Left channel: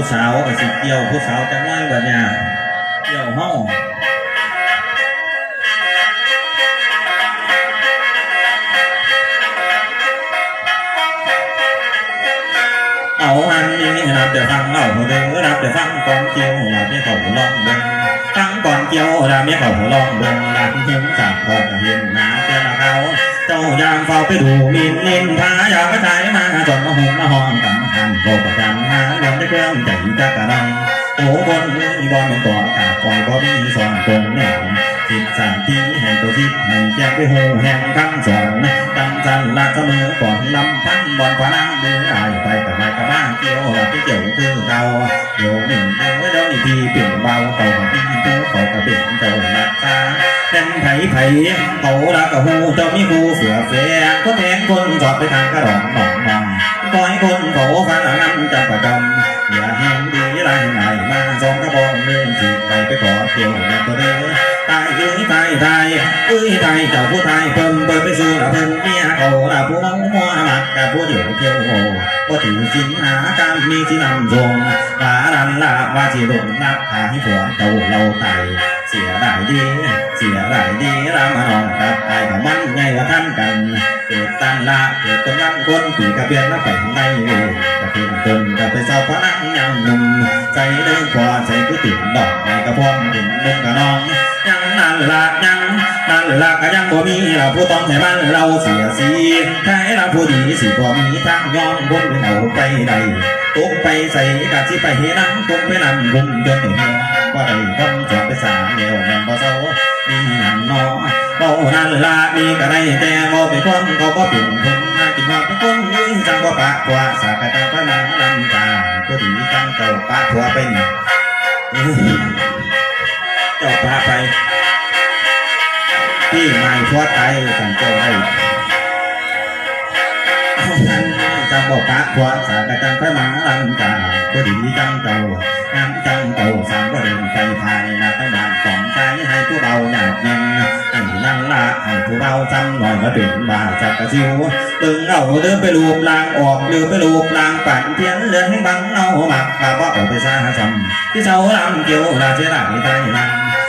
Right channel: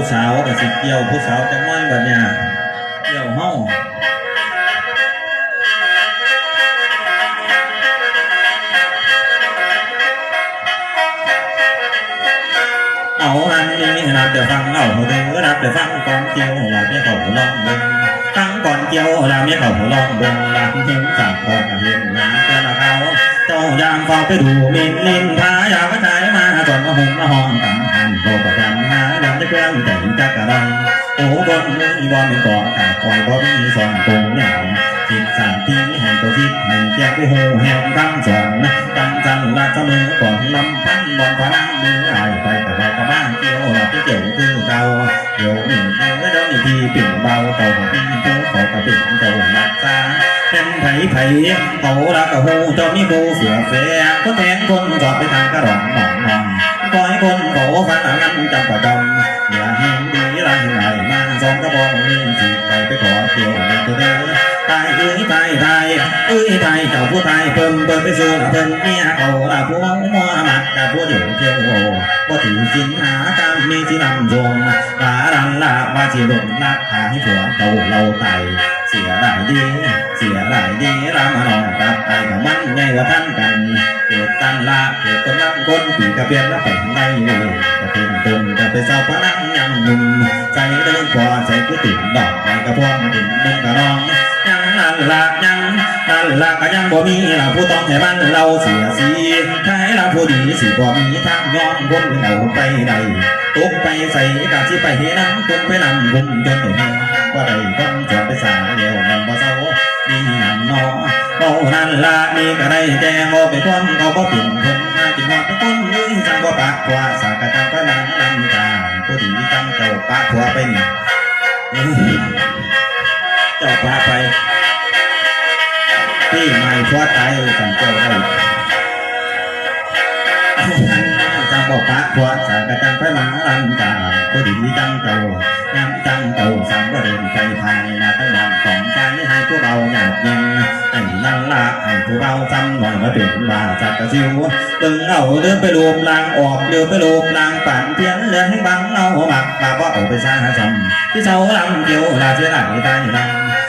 ผู้สาวกับสิเกี่ยว ผู้สาวจังน้อยบัดเนี่ยเกี่ยวเฮาเอาอันนี้นับแต่ฟังเอาเด้อนับแต่ฟังก่อนเกี่ยวลาเนี่ยเขาลองเบิ่งฟังก่อนเกี่ยวลาเนี่ยเขาลองเบิ่งลาที่เห็นสั่งก่อนเห็นหนาแต่ละเขา เจ้ายามเฝ้าไปดูมินมินพายามกระจายมาจนมาหงมาห้องกันหันโบประกันงานยังได้เครื่องใจจักกระดังโอ้บนบอนมันก่อกาคอยบ่มีสอนตรงแหนคิดสั่งที่แห่งตัวคิดให้แจกไปหูแห่งทั้งสองกันจันลาเสมอก่อนลำพันบอนพนังมืออายไปกับไปกับมานเกี่ยวหลับที่เกี่ยวคือเก่าเดี๋ยวหนึ่งเดี๋ยวเดี๋ยวอีกทีปิ่ยนเบาเต่าของพี่ผู้เขากระปิ่นเจ้าหนักตา เป็นไผ่ไผ่เขารักกับหูเจ้ามีผู้เสือแฝงก็แทงคนสอดไปทางกระดองหนองนองคอยคนเขาฟังงั้นจำประจำอย่าเห็นดีไรไหนมาสองกระบอกเงินสิไปไปขอเที่ยวในตัวเด้อตายเอ้ยตายตายเอ้ยตายเจ้าผู้ตายเพิ่มเปิดไปสู่ละเพิ่มเมียเขาละผู้มองมัวมัดกับผู้เดียวเที่ยวโง่บ่ถือสินหาการมีที่นำทรงปารันละว่าที่ลงนักหาให้ผัวเจ้าเราไต เสียดายดีเสียดายดีรามานอนกับไอ้กับมันไงว่าท่านกัน เกิดตั้งละเกิดคนนั้นคนปีกระเบียนแล้วไปทางในเลยกระเพียนตนกระไปเศร้าพนังยังหนุ่มใจได้กว่าใจก็ติดดอกไอ้กระพองถึงมุกกระนองยังนั่นละยัง นั่นละก็ยังบ่มีเราผู้ต้องให้บ้านเราเสียสีใครเราผู้ดีสิบ่มีทางย้อนคนเอาไปใดตกไปใส่กะที่ไปเฮนังตกไปนำบุญจนถึงว่าได้ต้องจอดไปสาเดียวแม่บ่เศร้ามีหยังนอเบานั่นละนี่ก็ได้แต่บ่เป็นคนเขาบ่เป็นคนมากินว่าเป็นคนนี่จังบ่ปะกว่าสากะจังไปมังลำกาผู้ดีจังเจ้าปะผัวไปนี่เจ้าปะไป ที่ไม่พอใจจังเจ้าได้เอาหันจังบ่ปะผัวสากะจังไปมังลำกาผู้ดีจังเจ้างามจังเจ้าสังบ่เดินไปภายนาทั้งบ้านของใจให้ผู้เบาหยาดยังไอ้นั่นละไอ้ผู้เราจำหน่อยมาถึงบาจัดกระซิวตึงเอาเดินไปรวมลางออกเดินไปรวมลางปั่นเพียงเดินให้บังเอาหมักกาว่าเอาไปซาจำที่เสาลำเกี่ยวลาเสียหลังเสายวลายนั่ง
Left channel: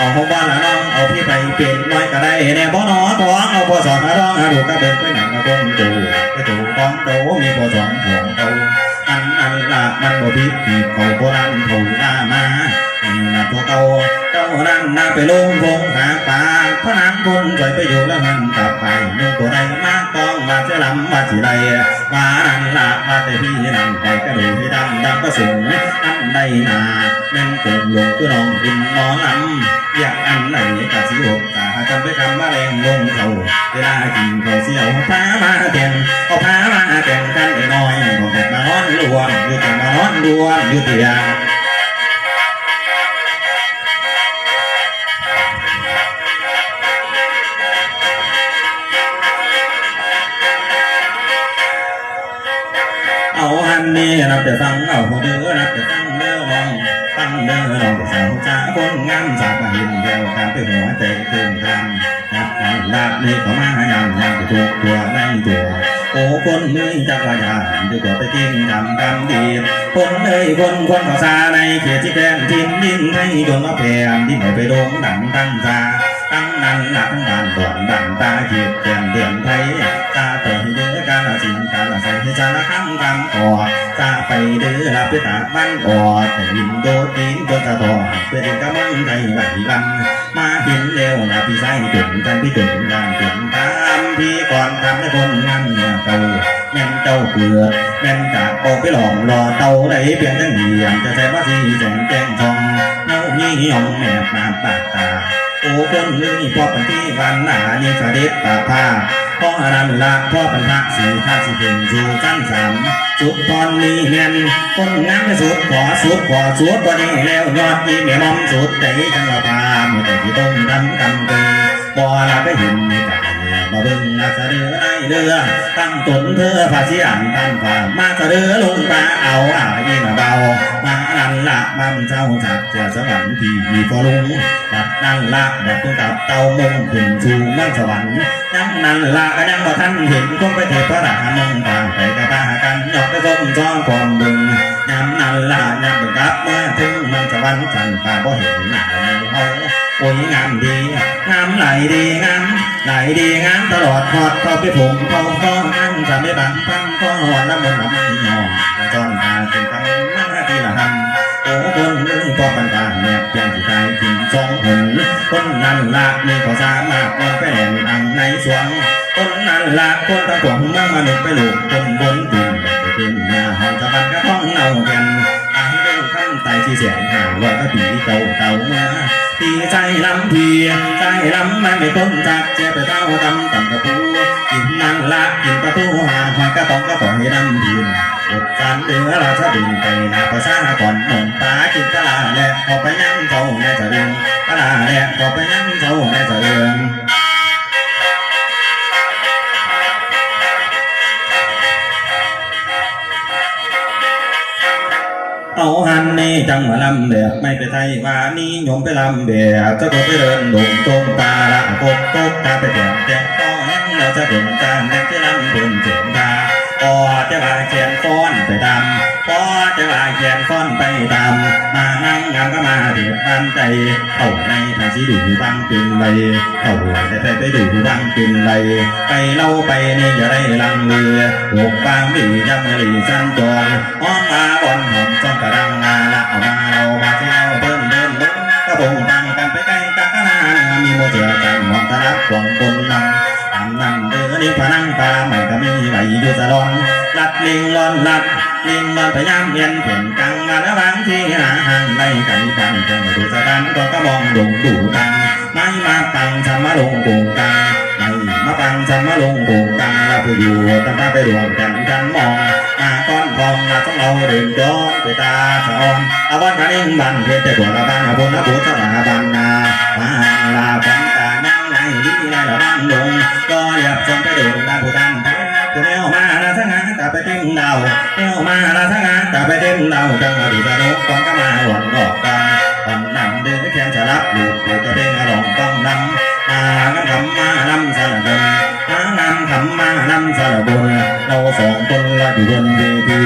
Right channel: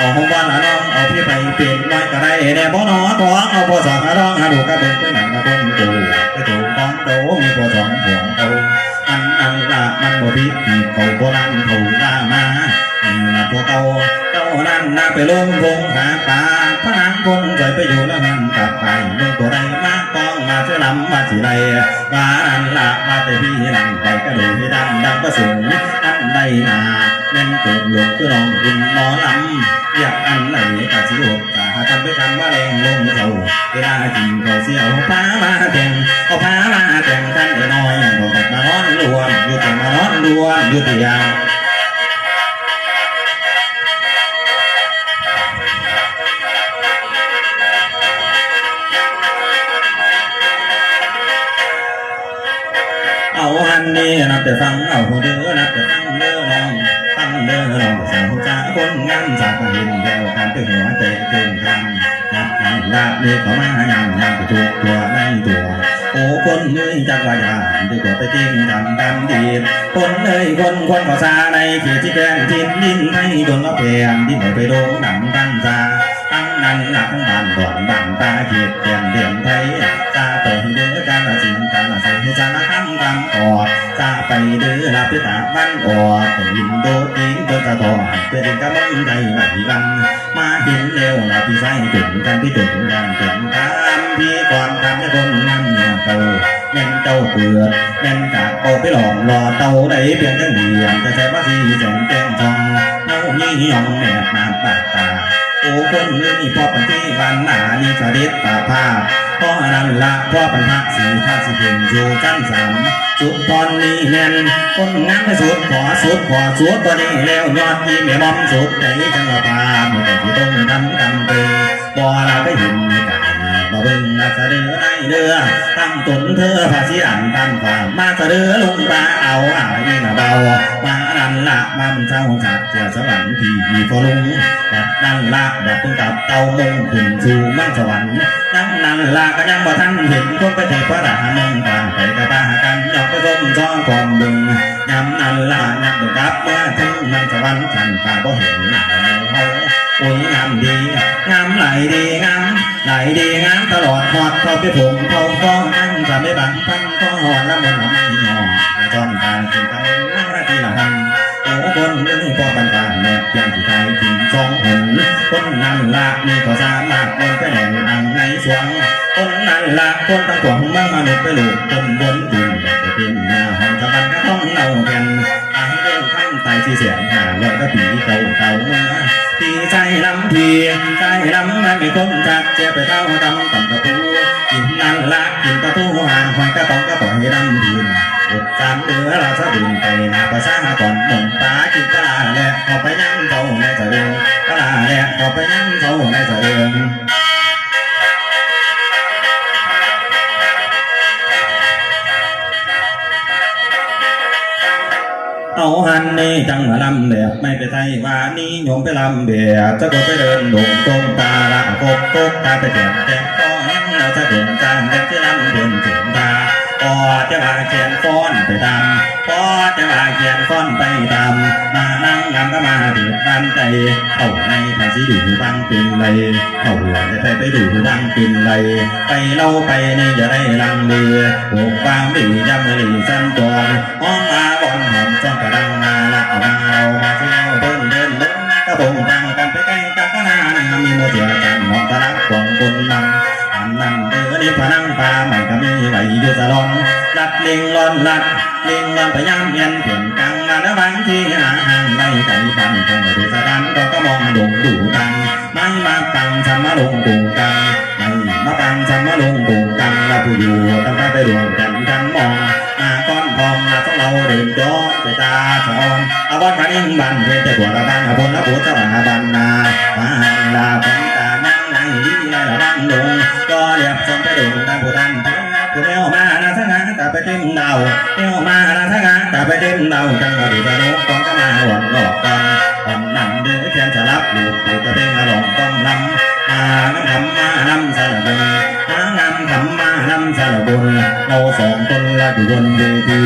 เอดเทิงผ่านองดูหนาภรรยาเมียพึงมองดูหนาภรรยาเมียพึงหลับเป็นกันอยู่ปากกระทั่งไอ้ผู้ปกครองบ้านละน้อเอาหัวบ้าน้องเอาพี่ไปเป็นไม้ก็ได้แน่บ่หนอของเอาบ่สอนร้องหาดูกระเบิดไปหนังกระบนตูกระตูของโตมีบ่สองห่วงโตอันอันละมันบ่พี่เขาโบราณเขาหน้ามา พวกเก่าเจ้านั่นนาไปลงพงหาปลาพระนางคนสวยไปอยู่แล้วมันกลับไปนึกตัวใดมาต้องมาเชื่อลำมาสิไรมานั่นละมาแต่พี่นั่งไปกระดูที่ดำดำก็สูงอันใดนาเล่นเกิดหลวงตัวน้องกินหมอลำอยากอันไหนกะสิหกกะทำไปทำมาแรงลงเขาเวลากินเขาเสียวพามาแต่งเอาพามาแต่งกันไอ้น้อยบอกแต่มานอนรวมอยู่แต่มานอนรวมอยู่เตียง กันนี้นับแต่ฟังเอาผู้เดือนับแต่ฟังเด้อลองฟังเด้อลองสาวจ้าคนงามจากหินเดียวกันไปหัวเตะเต็มทางนับนันลาดนี่เขามายำยำถูกตัวในตัวโอ้คนนี้จักรยานที่ตัวไปกินดำดำดีคนเอ้ยคนคนภาษาในเขตที่แกนทินดินให้ดวงละแพงที่ไหนไปโด่งดังตั้งซาตั้งนั้นหลังบ้านบ่อนบ้านตาเขียดเปลี่ยนเดือนไทยตา ใส่ให้จาละคำกันกอดตาไปเดือละพิตาบ้านออดแต่ยินโดดยิงโดนตะทอเพื่อเป็นกำลังใจไหลลัน มาเห็นเร็วละพี่ใส่ถึงกันพี่ถึงกันถึงตามพี่ก่อนทำให้คนงามเนี่ยเก่าแม่นเจ้าเกลือแม่นจากโอไปหลอมรอเตาได้เพียงแค่เหลี่ยมจะใช้มาสีแสงแก้งทองเงายี่หยองแนบมาปากตาโอ้คนนี้พอปันที่วันหนานี่สดิษป่าผ้า พราะนั้นละเพราะปัญหาสีข้าสิเป็นอยู่กันสามสุดตอนนี้เนียนคนงามไปสุดขอสุดขอสุดตัวนี้แล้วยอดที่แม่มอมสุดใจจังละพามแต่ที่ต้องทำกำเป็นบ่ลาไปเห็นมีแต่ มาเบิ่งมาเสดอในเรือตั้งตนเธอภาษีอ่านตั้งความมาเสดอลงมาเอาอ่ายนี่นะเบามานันละมันเจ้าจากเจ้าสวรรค์ที่มีพอลุงบัดนั่นละแบบตุ้งกับเตามงขึ้นสู่มันสวรรค์ยังนั่นละก็ยังบ่ทันเห็นพวกไปเทพพระรามึงต่างไปกับพากันยกไปส้มจ้องความบึงยำนั่นละยังบ่กลับมาถึงมันสวรรค์ฉันป่าบ่เห็นหน้าในเฮาโอ้ยงามดีงามไหลดีงามไหลดีงามตลอดพอดพอไปผมพอก็นั่งจะไม่บังพันก็หอนละมุนไม่หอแต่จอนตาเป็นคำมาที่ละทำโอ้คนนึงก็ปันตาแนบเพียงที่ใจถึงสองหนคนนั้นละนี่ก็สามารถเป็นไปแห่งอังในสวงคนนั้นละคนทั้งสองมื่อมนุษย์ไปหลูกคนบนดินแต่เป็นหน้าห้องสวรรค์ก็ต้องเน่าแก่นตายเรื่องคำไตที่เสียงหาลอยก็ปีเก่าเก่ามื่อ ตีใจลำพีใจลำไม่ไม่คนจักเจ็บไปเท่าดำต่ำกระปูกินนั่นละกินกระปูหางหอยกระตองกระป๋องให้ดำดินอดการเดือราชบินไปนาภาษาก่อนหมงตากินปลาแหละเอาไปนั่งเขาในสะเอืองปลาแหละเอาไปนั่งเขาในสะเอือง เอาหันนี่จังมาลำเดียบไม่ไปไทยว่านี้โยมไปลำเดียบจะก็ไปเดินดงตรงตาละกบกบตาไปเขียนแก่ก็ยังเราจะเดินตามแต่ที่ลำเดินถึงตาพอจะว่าเขียนฟ้อนไปดำ พอจะว่าเขียนฟ้อนไปตามมานั่งงามก็มาเดือดร้อนใจเข้าในไปสิดูบางเป็นไรเข้าหัวจะไปไปดูบางเป็นไรไปเล่าไปนี่จะได้ลังเรือกบางมียำมือสันจรหอมมาบอนหอมจ้องกระดังงาละเอามาเรามาเที่ยวเดินเดินเดินกระโปงตังกันไปใกล้กันก็นานมีโมเถื่อกันหอมตะลับกวงบนนังอันนั้นเดือนี่พนังปลาใหม่ก็มีไหลอยู่ตลอดลัดลิงลอนลัด ลิงลอนพยายามเย็นเห็นกังมาแล้วบางที่หาห่างไล่ไก่ฟันจังดูสะดันก็ก็มองดงดูตังไม่มาตังทำมาลงกุงกังไม่มาปังทำมาลงกุงกังเราผู้อยู่ตั้งตาไปดวงกันกันมองมาก้อนทองมาต้องเราเดินย้อนไปตาสอนอาวันมานิ่งบันเพียงแต่ปวดระบังอาบนอาบุตรมาบันนามาลาพังตานั่งไงดีไงระบังลงก็เรียบส่งไปดูตามผู้ทันผู้เลี้ยวมา ละทั้งงานแต่ไปเต็มเดาเลี้ยวมาละทั้งงานแต่ไปเต็มเดาจังมาดูตะนุก่อนก็มาหวังหลอกกันตอนนั่งเดือเทียนจะรับหลุดปูจะเป็นอารมณ์ต้องนำมาน้ำทำมาน้ำสารบุญมานำทำมาน้ำสารบุญเราสองคนละอยู่บนเวที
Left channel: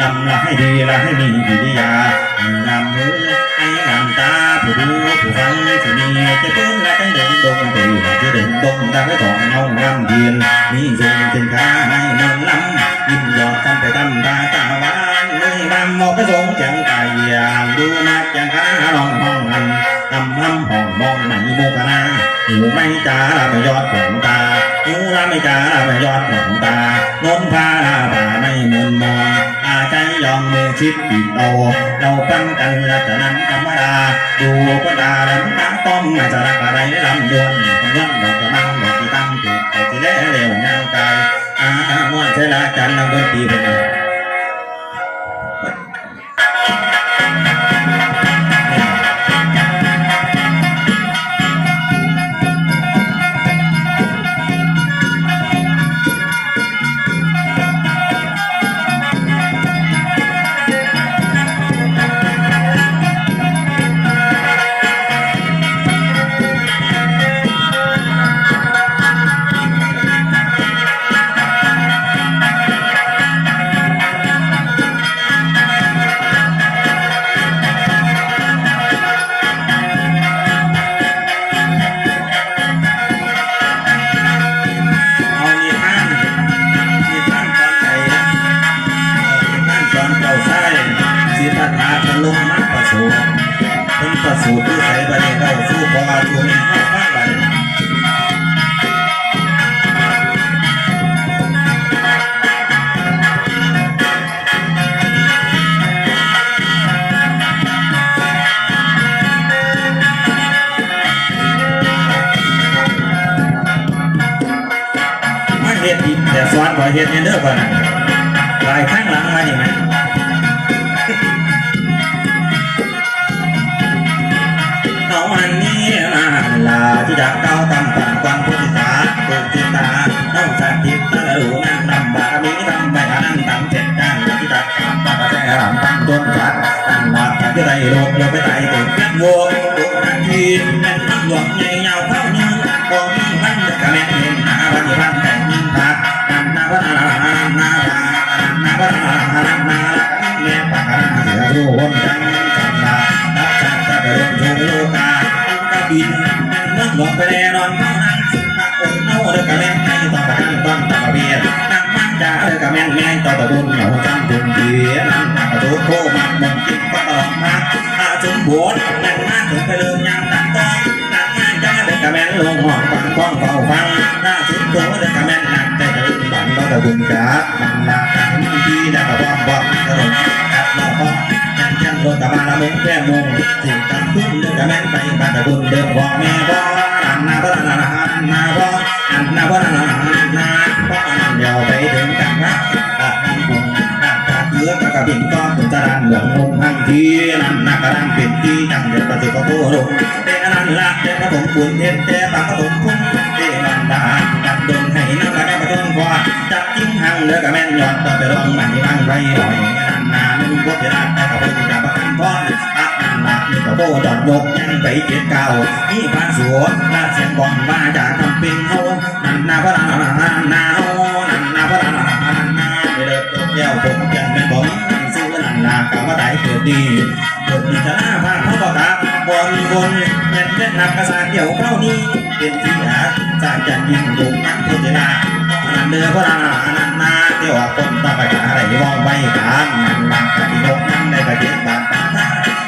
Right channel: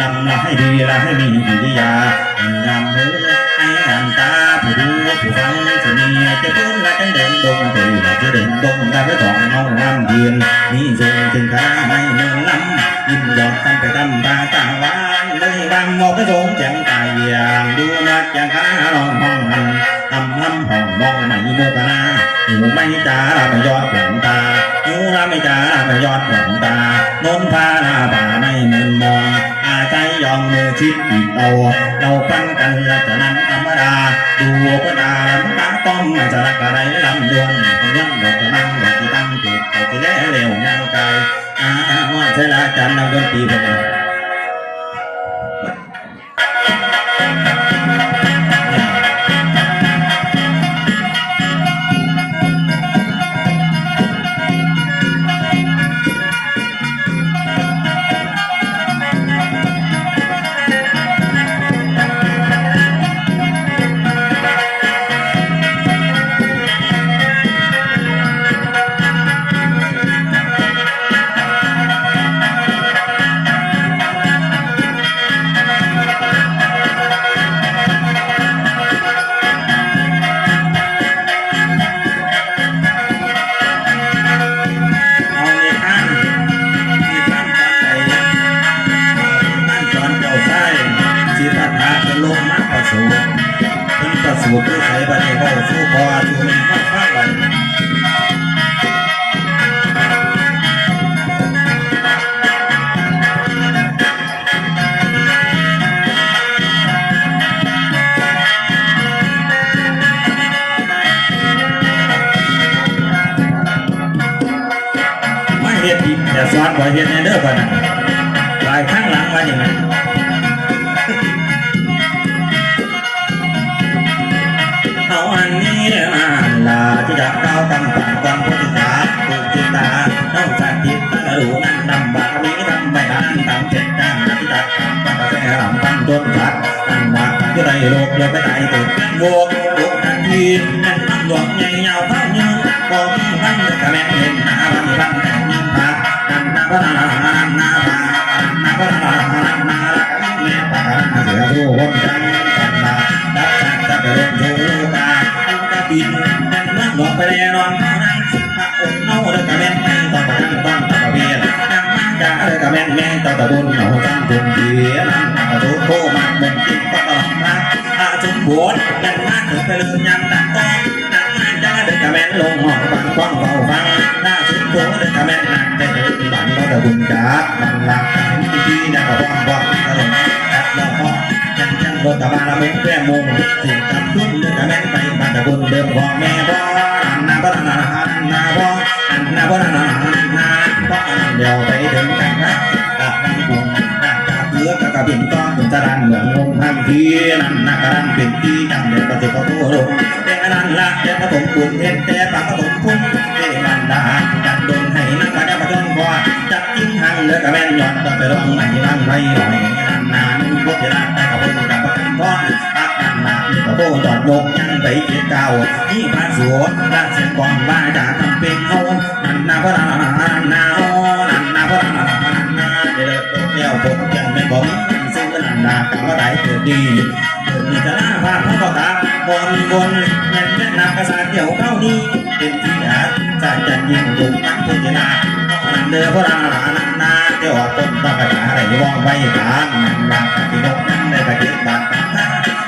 นำละให้ดีละให้มีกิริยาให้งามมือให้งามตาผู้ดูผู้ฟังที่มีจะเป็นละจังเดินดงตีจะเดินดงตาไปสองเงางามเทียนมีทรงถึงขาในเนินลำ ยิ้มหยอดกันไปตำตาตาหวานมือบางบอกไปทรงจังกายอย่างดูมาจังขาลองห้องหันทำห้ำห้องมองไม่โมกนาหูไม่จ้าละไม่ยอดหลงตาหูละไม่จ้าละไม่ยอดหลงตานนพาลาป่าไม่เมินมองอาใจยอมมือชิดอีกเอาเราปั้นกันละจะนั้นธรรมดาดูก็ตาลำตาต้อมไม่จะรักอะไรลำดวนคำย้ำดอกกระมังดอกที่ตั้งจุดเอาที่แล้วเร็วยังกาย อาว่าใช่ลาจันนำดนตรีไปเลย เฮ็ดในเด้อก่อนนะลายข้างหลังมาอย่างไรเอาอันนี้มาลาที่จะก้าวตั้งฝันความพุทธิตาปุจิตาต้องสันติตั้งรู้นั่งนำบามีทำไม่อันตั้งเจ็ดด้านที่จะกำตั้งกระแสหลังตั้งต้นชัดตั้งบาทที่ใดโลกโลกไปไหนตื่นเต้นวงตุกทันทีแม่นตั้งหลวงใหญ่ยาเท่านี้ก็มีพันเด็กกระแม่นเห็นหาวันพัน ไปเลยยังตัดต้นตัดมาจ้าเด้กกระแมงลงหอกฟันกว้างเบาฟัง กระบุญดาดังลาที่ที่ดังกระบอกบอกกระหลงกักรอบบอกนั่งจังบนตะบานละมุงแก้มุงสิ่งกันทุ่มเดือดแม่งไปบ้านตะบุญเดิมบอกแม่บอกอันนาบ้านนาหันนาบอกอันนาบ้านนาหันนาบอกอันเดียวไปถึงกันนะกะดังบุญดังกะเกือกะกะบินก้อนเป็นจรานเหลืองงทันทีนั่นนากระดังเป็นที่ดังเดือดประตูประตูลงเตะนั่นละเตะผสมปุ่นเตะปากผสมคุ้งเตะมันดา จัดดนให้นักมาได้มาจนพอจัดจิ้งหังเลือกะแม่นยอดก็ไปร้องใหม่รังไรหน่อยนันนานึงก็จะได้แต่กับเป็นกับประกันพออักนั่นละนี่ก็โบจอดยกยังไปเจ็ดเก้านี่พระสัวราเสียงกองบ้าจะทำเป็นเฮานันนาพระนานานาเฮนันนาพระนานานาเดือดเที่ยวผมยังเป็นผม สู้กันนันนากรรมได้เกิดดีเกิดมีคณะพาเขาประกาศบนบนแม่นแม่นนักกษัตริย์เกี่ยวเข้านี้เป็นที่หาใจจันยิ่งดุมันพุทธินาอนันเดือพระนานานันนาเที่ยวปนตะกะอะไรว่องไวกันนันบางกะที่นกนั้นได้ประเก็บบางตา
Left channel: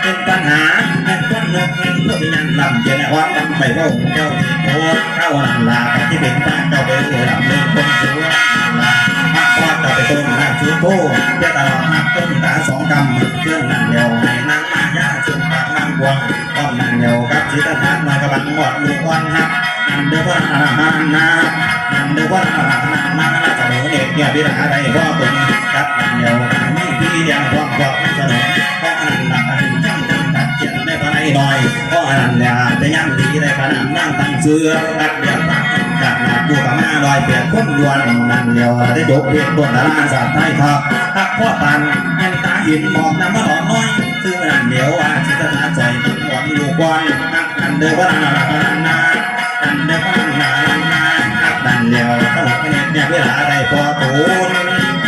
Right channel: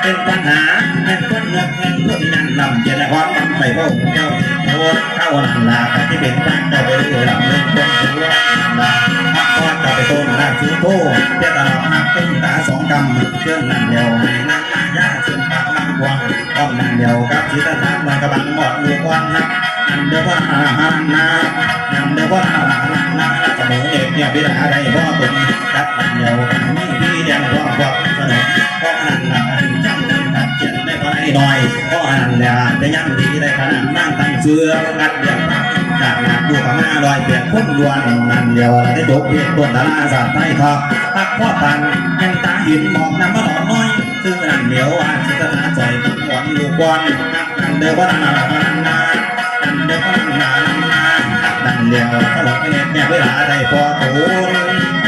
เป็นปัญหาแม่นคนเลิกแม่นผู้ที่นั่นลำเจริญความลำไปว่าเจ้าโคเข้านัน ลาที่เป็นบ้านเจ้าไปเรื่อยลำเล่นคนถือว่านันลาพักทอดกับไปต้นรากคือโตเพื่อตลอดนับต้นตาสองกำเคลื่อนนั่นเดียวให้นั่งมายาเชิงปากนั่งวางอ้อมนั่นเดียวกับชีตานานมากระบังหมดลูกวันนับนั่นเดียวว่านานานานั่นเดียวว่านานานานานาเสมอเอกเนี่ยพิราได้พ่อตุนจัดนั่นเดียวกันนี่ที่เดียวความความเสนอเพราะนั่นละอันจังจังตัดเจียนได้ก็ได้ห น่อยเพราะนั่นแหละจะยังดีได้ขนาดนั่งตั้งเสื้อกัดเดียวจากหนักดูกับมาลอยเปลี่ยนพุ่มดวนนั่นเดียวได้จบเพียงบนดาราสามไทยทอพักพ่อปันยังตาหินหมอกน้ำมาหลอนน้อยซึ่งนั่นเดียวว่าชิตนาใจตั้งหวนอยู่ก่อนนักนั่นเดียวว่านานานานานั่นเดียวว่านานานานานักนันเดียวตลอดเนี่ยเนี่ยเวลาได้พอตูน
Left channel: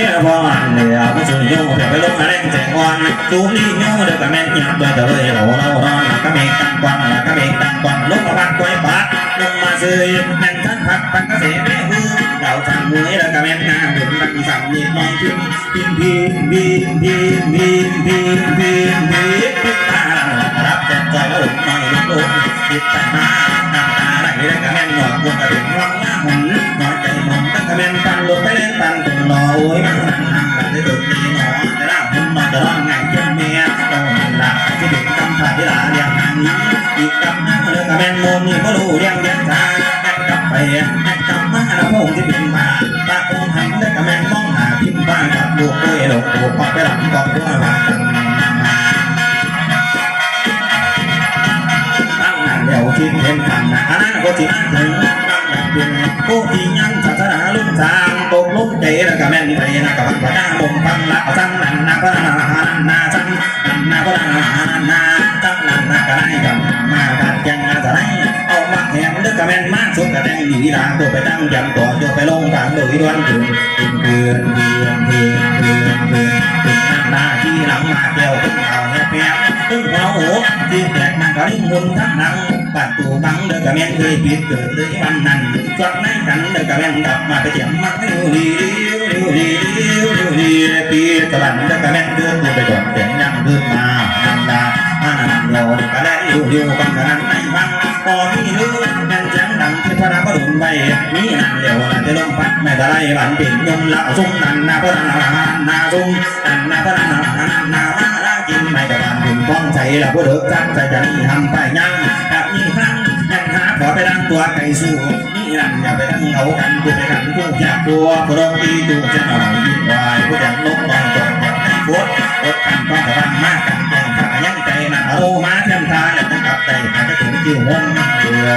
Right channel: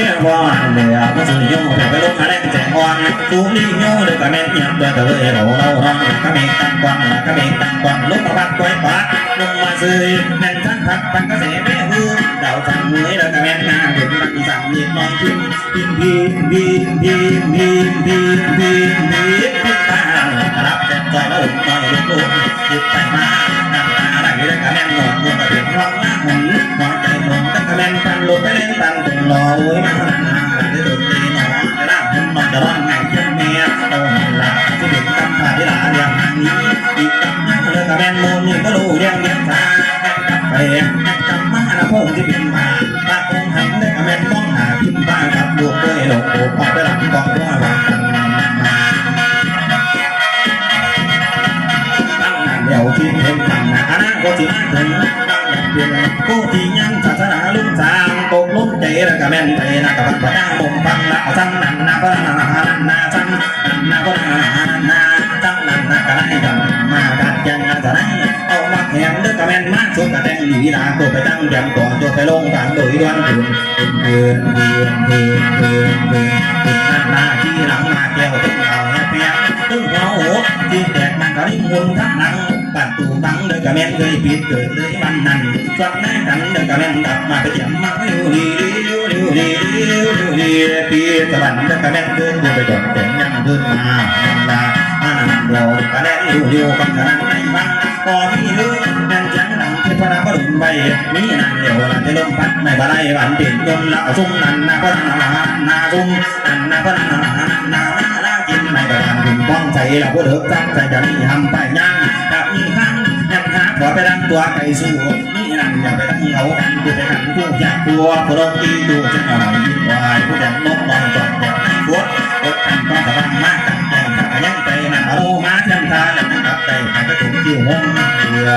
ียบอนเดียวมาสุนโยเผื่อไปลงอะไรแจงวันตูนี่โยเด็กกะแม่ยังเบื่อแต่เลยเราเราเรากะเมตังกวันกะเมตังกวันลงมาบ้านกวยบาลงมาซื้อนั่งทั้งพักปังกระเสแม่หูเราทำมือแล้วกะแม่งานถึงบังสั่งมีน้องพิมพิมพิมพิมพิมพิมพิมพิมพิมพิมตารับแต่ใจแล้วอมน้อยลุกติดใจมาน้ำตา ไหลได้กะแม่หนวดวงกระดิ่งร้องหน้าหุ่นหัวใจหนุ่มตั้งกะแม่ปันลุกไปเล่นปันถึงรอโอ้ยมันนั่งนั่งได้ตื่นตีหนอจะล่างหุ่นมันจะร้อนไงเจ้าเมียโตมันหลับที่เด็กกำผ่าที่หลาอย่างนั้นอีกกำนั่งเลยกะแม่โมนี่ก็รู้เรียงยังชาแม่กลับไปแม่กลับมาละพงที่เป็นมาป้าคงหันได้กะแม่มองหาพิมพ์บ้านกับลูกด้วยหลงโผล่พอไปหลังกองด้วยว่ากันมา กันนะอนาคตที่มาถึงตั้งแบบเป็นผู้ที่ยังศาสนาลุ่มทางตกลุ่มใจระกับแม่นไปนะกับพระเจ้ามุมฟังละเอาจังนั้นนะพระนานานาจังนั้นนะพระนานานาจังนั้นนะก็ได้จันมาบัดยังอาจะได้ แข่งเด้อก็แม่นมากสุดก็แต่งหนีลาตัวไปตั้งยำก่อนตัวไปลงกลางโดยวันถึงเดือนเดือนเดือนเดือนเดือนถึงนั่นนาที่หลังมาแก้วตึ้งเอาเนี่เปียกตึ้งหัวโอ้ที่แตกมันก็ริ่งมุนทั้งหนังปัดตูบังเด้อกะแม่นเคยผิดเกิดเลยวันนั้นสดแม่กันเด้อกะแม่นกลับมาไปเถียงมาอยู่ดีอยู่ดีอยู่ดีปีตะวันเด้อกะแม่นเดินไปจดเสียงยังขึ้นมานันลาอานันเรากะแล่อยู่อยู่กันนั้นในบังพอมีลืม แม่นจังดังเทพนาบดุลใบมีนั่นเดียวละจะลมพัดไม่บะไรบันเปลี่ยนยมละเอาซุ่มนันนาพนานาซุ่มนันนาพนานามาลากินไม่กระดานถึงป้องใจละผู้เดือดจังใจจะมีทำไปยังถ้ามีครั้งแม่นหาขอไปดังตัวไปสู้มีนั่อย่าไปดังเหงากันกูไปกันกูอยากกลัวผู้ลงตีดูจะเอายิ่งวายผู้แดงลงมองจอดแบบให้ฟดอดกันต้องระวังมากกันแกงข้ายัง นะเอามาเทียมทาอยากตั้งกับใจหายไปถึงที่ห้องเรือ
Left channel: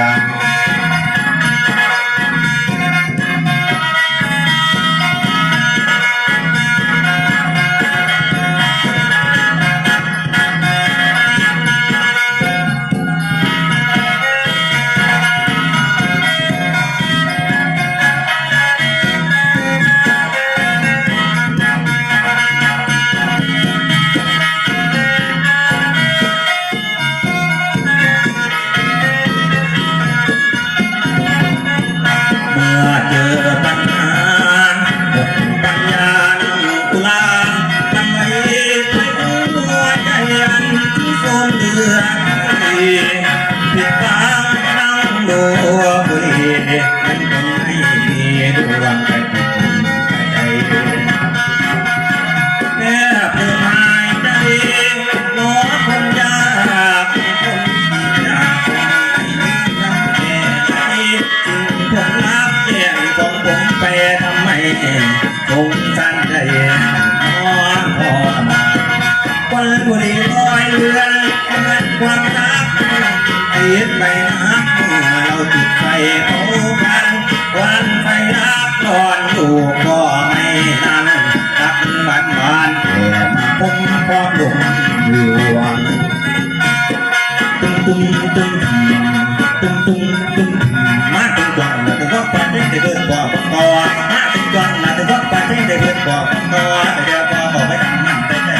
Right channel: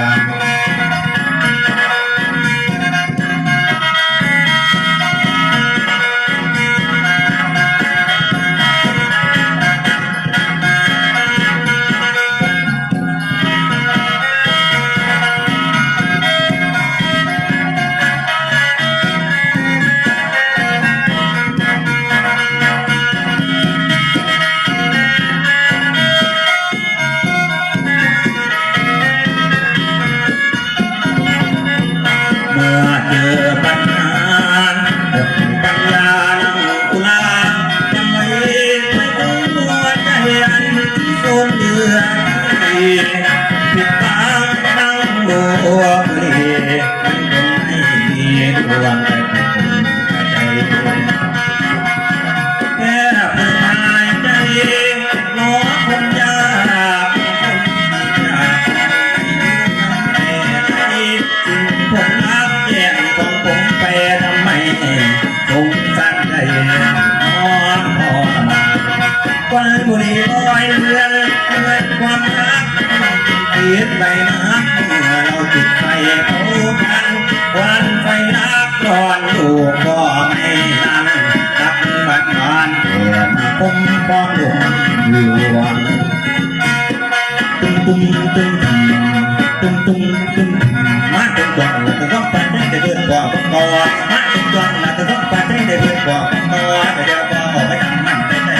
นได้เดินกว่าบังกอแต่เดี๋ยวพอบอกไปทำมันใจใจ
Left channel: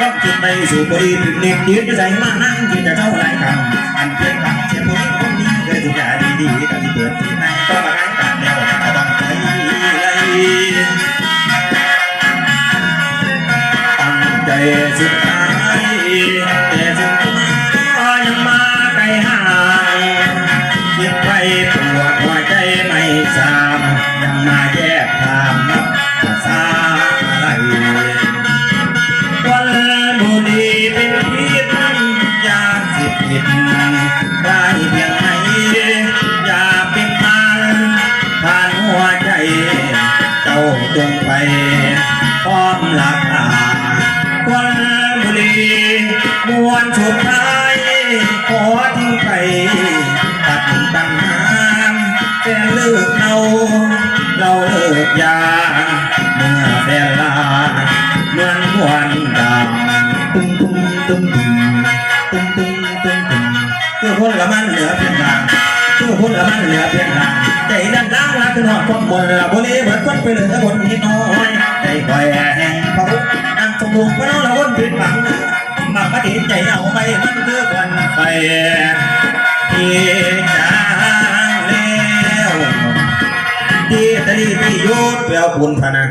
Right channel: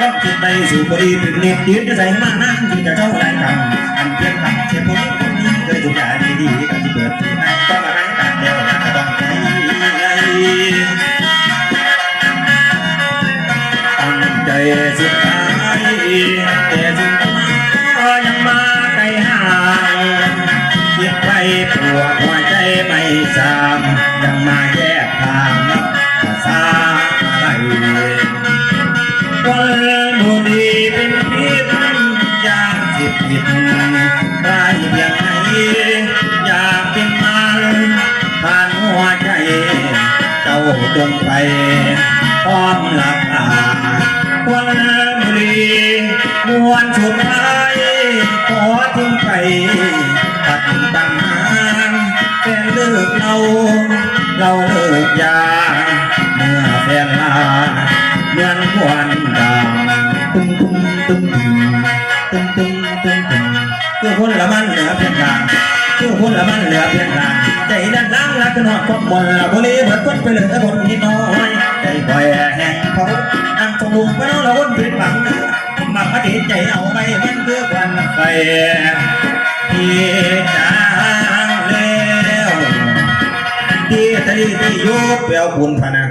ต้องคิดไปสู่บุรีถึงเรียนยืนจะใจมากนั่งที่จะเข้าไรคำอันเพียงคำเชื่อผู้คนนี้เคยถูกยาดีๆก็ที่เปิดที่ไหนต้องมาขายกันเดียวก็ต้องไปเลยตั้งใจสุดท้าย เป็นเลิกเราเราเลิกยา เมื่อแฟนลาเมือนควันดำตุ้มตุ้มตุ้มตุ้มตุ้มตุ้มตุ้มคือคนละมันเหลือเพียงดางคือคนละมันเหลือเพียงดางใจดันดังรักนอดพบมนละบุรีเหมือนคนไปเลือบนที่น้อยใจคอยแห้งเขานั่งสมุกก็น้องเราวนผิดหวังมาปฏิใจเอาไปมันคือควันไฟที่จางแล้วที่ตะลีที่โยดแปลวบุญพนัง